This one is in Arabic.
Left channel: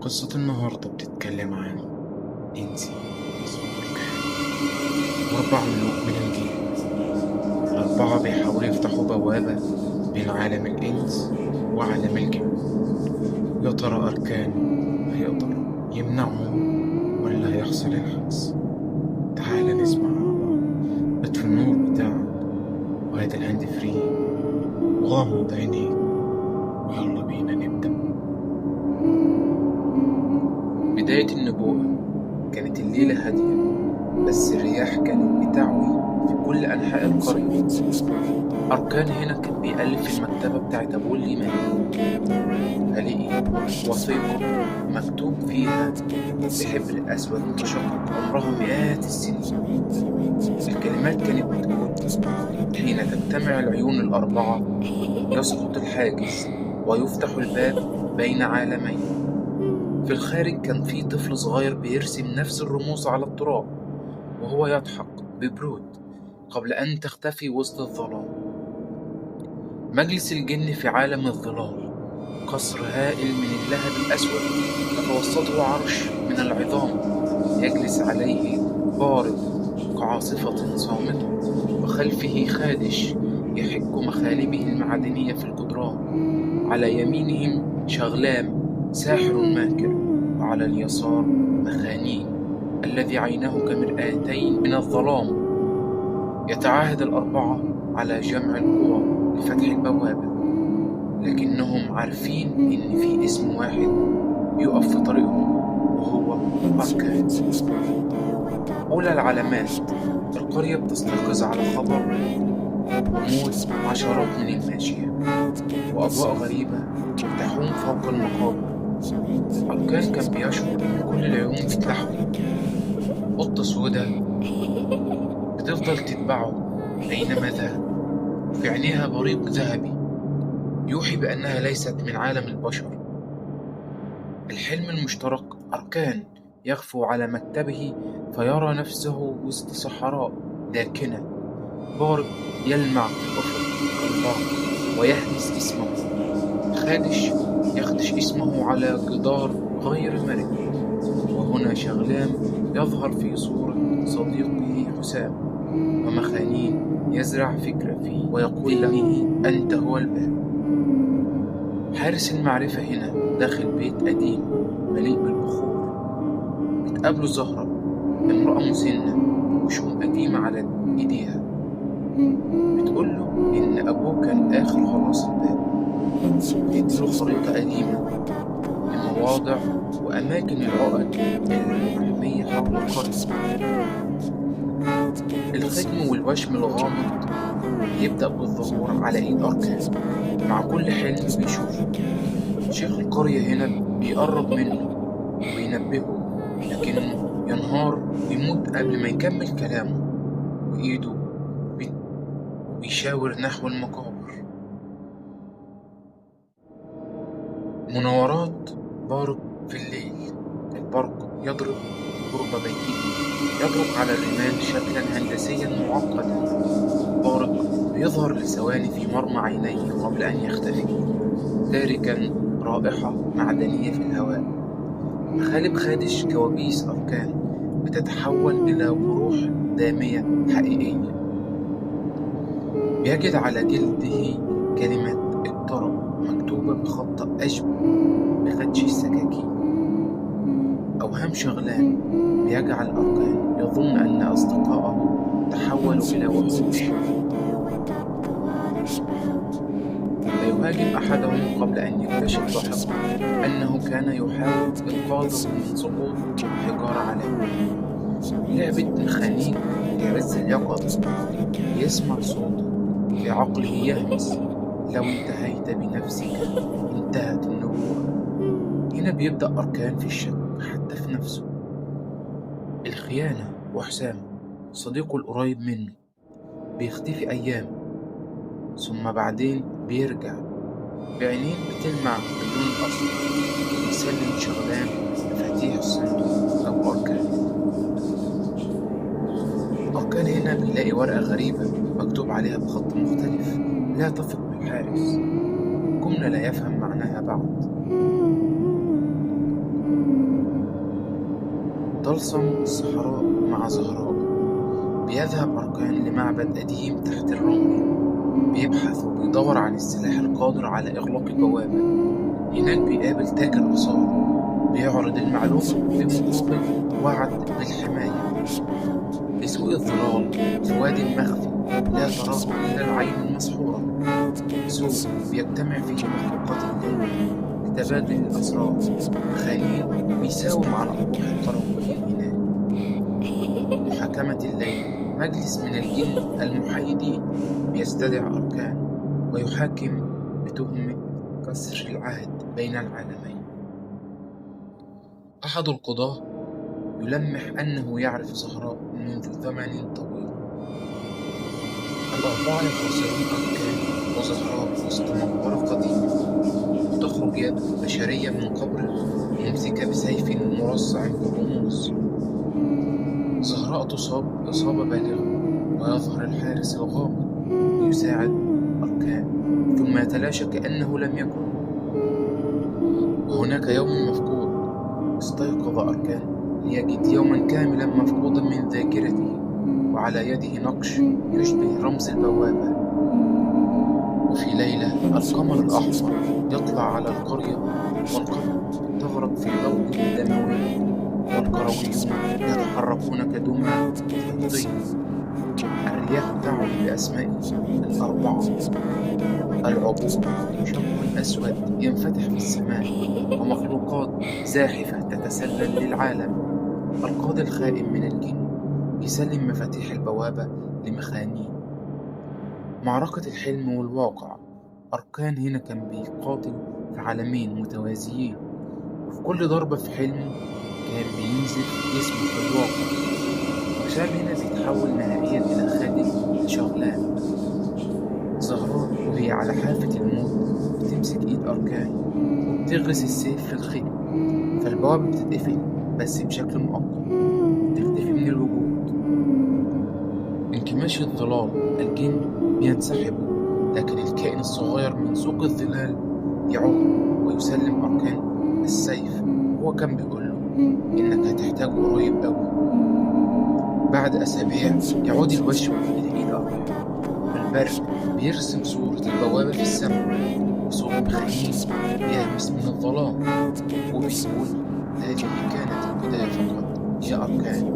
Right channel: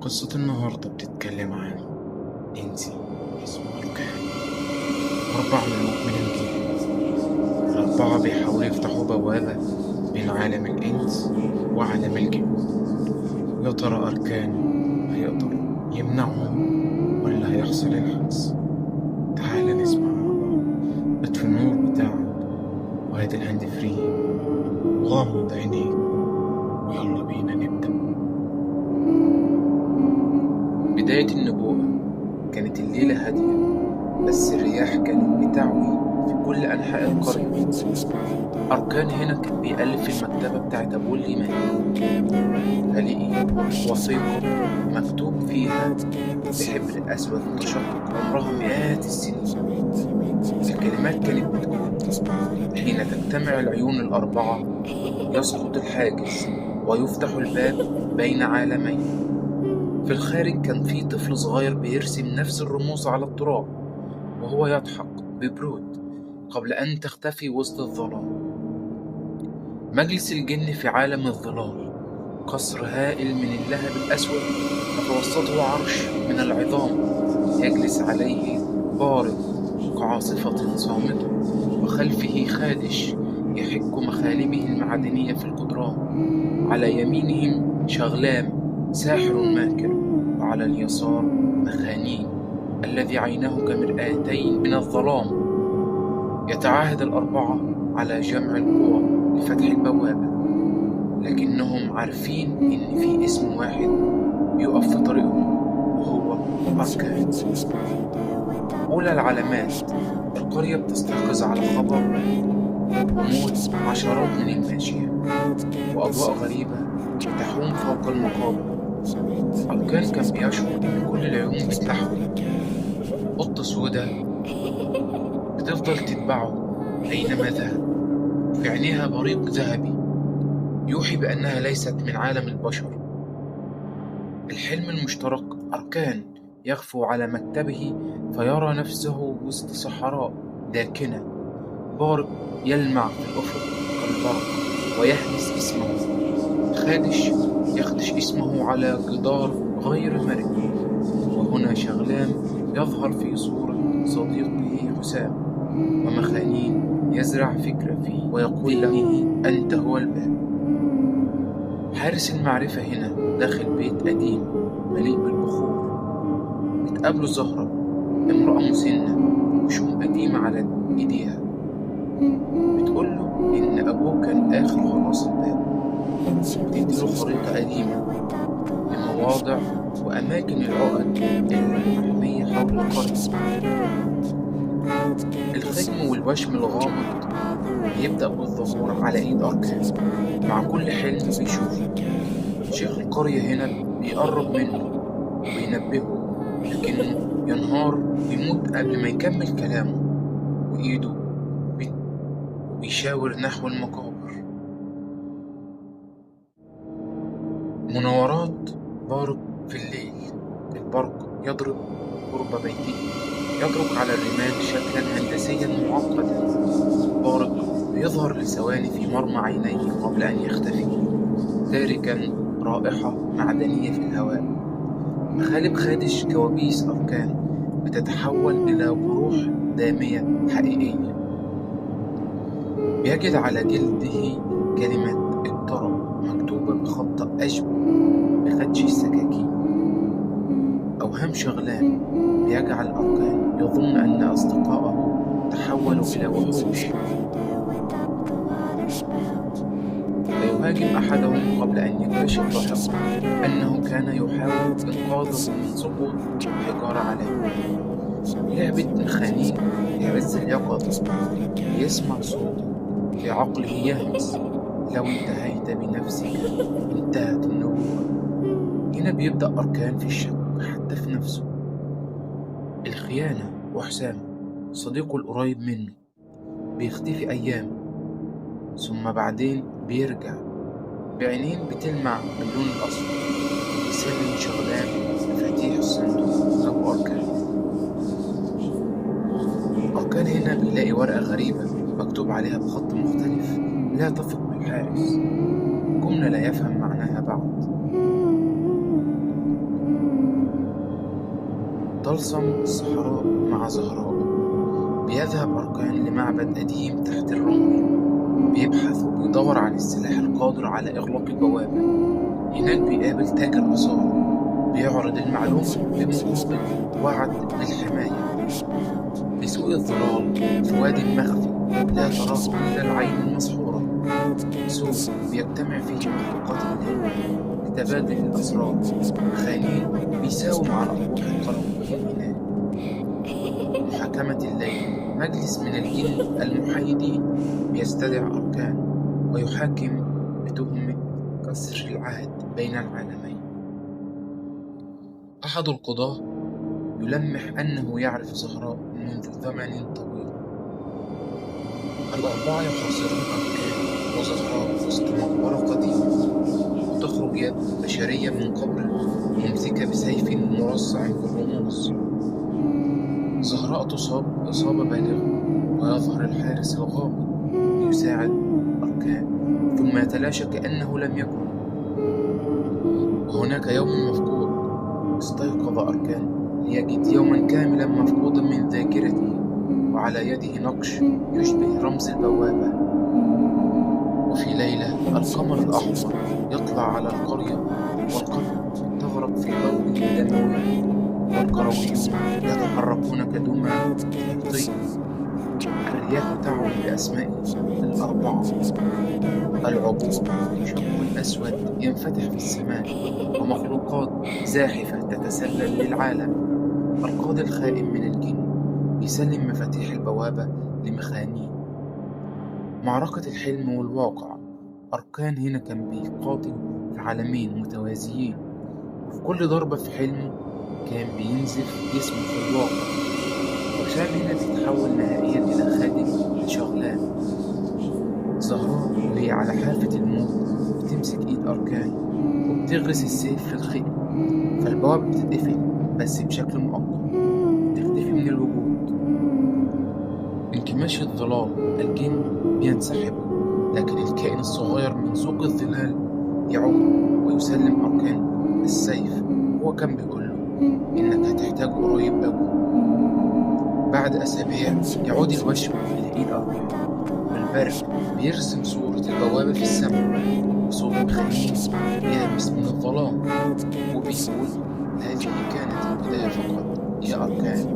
قصة النهاردة بتتكلم عن إنسي اسمه أركان، 4 ملوك من الجن. ال4 بيحاولوا يفتحوا بوابة بين عالم الإنس وعالم الجن. يا ترى أركان هيقدر يمنعهم ولا هيحصل العكس؟ تعال نسمع مع بعض. اطفي النور بتاعك وهات الهاند فري وغمض عينيك ويلا بينا نبدأ. بداية النبوءة كانت الليلة هادية، بس الرياح كانت بتعوي في كل أنحاء القرية. أركان هنا كان بيألف في المكتبة بتاعت أبوه اللي مات، فلقي وثيقة مكتوب فيها بحبر أسود متشقق عمرها مئات السنين. الكلمات كانت بتقول: حين تجتمع العيون ال4 يسقط الحاجز ويفتح الباب بين عالمين. في الخارج كان في طفل صغير بيرسم نفس الرموز على التراب وهو يضحك ببرود قبل أن تختفي وسط الظلام. مجلس الجن في عالم الظلال، قصر هائل من اللهب الأسود يتوسطه عرش من العظام يجلس عليه بارق كعاصفة صامتة، وخلفه خادش يحك مخالبه المعدنية في الجدران. على يمينهم شغلام ساحر ماكر، وعلى اليسار مخانين الذي عيناه كمرآتين من الظلام. يتعاهد ال4 على جمع القوى لفتح البوابة، لكنهم عارفين إن في اسم واحد يقف في طريقهم وهو أركان. أولى العلامات، القرية بتستيقظ على خبر موت عشرات من الماشية، وأضواء غريبة بتحوم فوق المقابر. أركان كان بيشعر إن كل العيون بتلحوه. قطة سودة بتفضل تتبعه أينما ذهب، وفي عينيها بريق ذهبي يوحي بأنها ليست من عالم البشر. الحلم المشترك، أركان يغفو على مكتبه فيرى نفسه وسط صحراء داكنة. بارق يلمع في الأفق كالبرق ويهمس اسمه. خادش يخدش اسمه على جدار غير مرن. وهنا شغلام يظهر في صورة صديقه حسام، ومخانين يزرع فكرة فيه ويقول له: أنت هو الباب. حارس المعرفة هنا داخل بيت قديم مليء بالبخور. بتقابله زهرة، امرأة مسنة وشوم قديمة على إيديها، بتقوله إن أبوه كان آخر حراس الباب. بتديله خريطة قديمة لمواضع وأماكن العقد المحمية حول القرية. الختم والوشم الغامض بيبدأ بالظهور على إيد أركان مع كل حلم بيشوفه. شيخ القرية هنا بيقرب منه وبينبهه، لكنه ينهار ويموت قبل ما يكمل كلامه، وإيده بيشاور نحو المقابر. مناورات بارق في الليل، البرق يضرب قرب بيته، يضرب على الرمال شكلا هندسيا معقدا. بارق بيظهر لثواني في مرمى عينيه قبل أن يختفي، تاركا رائحة معدنية في الهواء. مخالب خادش كوابيس أركان بتتحول إلى جروح دامية حقيقية. بيجد على جلده كلمة اقترب مكتوبة بخط أشبه بخدش السكاكين. أوهام شغلان بيجعل أركان يظن أن أصدقائه تحولوا إلى وحوش، فيهاجم أحدهم قبل أن يكتشف لاحقا أنه كان يحاول إنقاذه من سقوط حجارة عليه. لعبة مخانين في عز اليقظة، يسمع صوته في عقله يهمس: لو انتهيت بنفسك انتهت النبوءة. هنا بيبدأ أركان في الشك حتى في نفسه. الخيانة، وحسام صديقه القريب منه بيختفي أيام، ثم بعدين بيرجع بعينين بتلمع باللون الأصفر، وبيسلم شغلان مفاتيح الصندوق أو أركان هنا بيلاقي ورقة غريبة مكتوب عليها بخط مختلف: لا تثق بالحارس. جملة لا يفهم معناها بعد. طلسم الصحراء مع زهراء. بيذهب أركان لمعبد قديم تحت الرمل، بيبحث وبيدور عن السلاح القادر على إغلاق البوابة. هناك بيقابل تاجر آثار بيعرض المعلومة بمقابل وعد بالحماية. بسوق الظلال في واد مخفي لا تراه إلا العين المسحورة، سوق بيجتمع فيه مخلوقات الليل لتبادل الأسرار. مخانين بيساوم على أرواح القرويين هناك. محاكمة الليل، مجلس من الجن المحايدين بيستدعي أركان ويحاكم بتهمة كسر العهد بين العالمين. أحد القضاة يلمح أنه يعرف زهراء منذ زمن طويل. الأربعة يخاصرون أركان وزهراء وسط مقبرة قديمة، وتخرج يد بشرية من قبر ممسكة بسيف مرصع بالرموز. زهراء تصاب إصابة بالغة، ويظهر الحارس الغامض ليساعد أركان، ثم يتلاشى كأنه لم يكن. وهناك يوم مفقود. استيقظ أركان ليجد يوما كاملا مفقودا من ذاكرته، وعلى يده نقش يشبه رمز البوابة. وفي ليلة القمر الأحمر يطلع على القرية، والقرية تغرق في ضوء دموي، والكرويون يتحركون كدمى طين. الرياح تعوي بأسماء الأربعة. العبور شق أسود ينفتح في السماء، ومخلوقات زاحفة تتسلل للعالم. القاضي الخائن من الجن يسلم مفاتيح البوابة لمخانين. معركة الحلم والواقع. أركان هنا كان بيقاتل في عالمين متوازيين، وفي كل ضربة في حلمه كان بينزف جسمه في الواقع. وشام هنا بيتحول نهائيا إلى خادم لشغلان. زهراء وهي على حافة الموت بتمسك إيد أركان وبتغرس السيف في الخيط، فالبوابة بتتقفل بس بشكل مؤقت، تختفي من الوجود. انكماش الظلال، الجن بينسحبوا، لكن الكائن الصغير من سوق الظلال يعود ويسلم أركان السيف. هو كان بيقوله إنك هتحتاجه قريب أوي. بعد أسابيع يعود الوشم لإيد أركان، والبرق بيرسم صورة البوابة في السماء، وصوت مخانين بيهمس من الظلام وبيقول: هذه كانت البداية فقط يا أركان.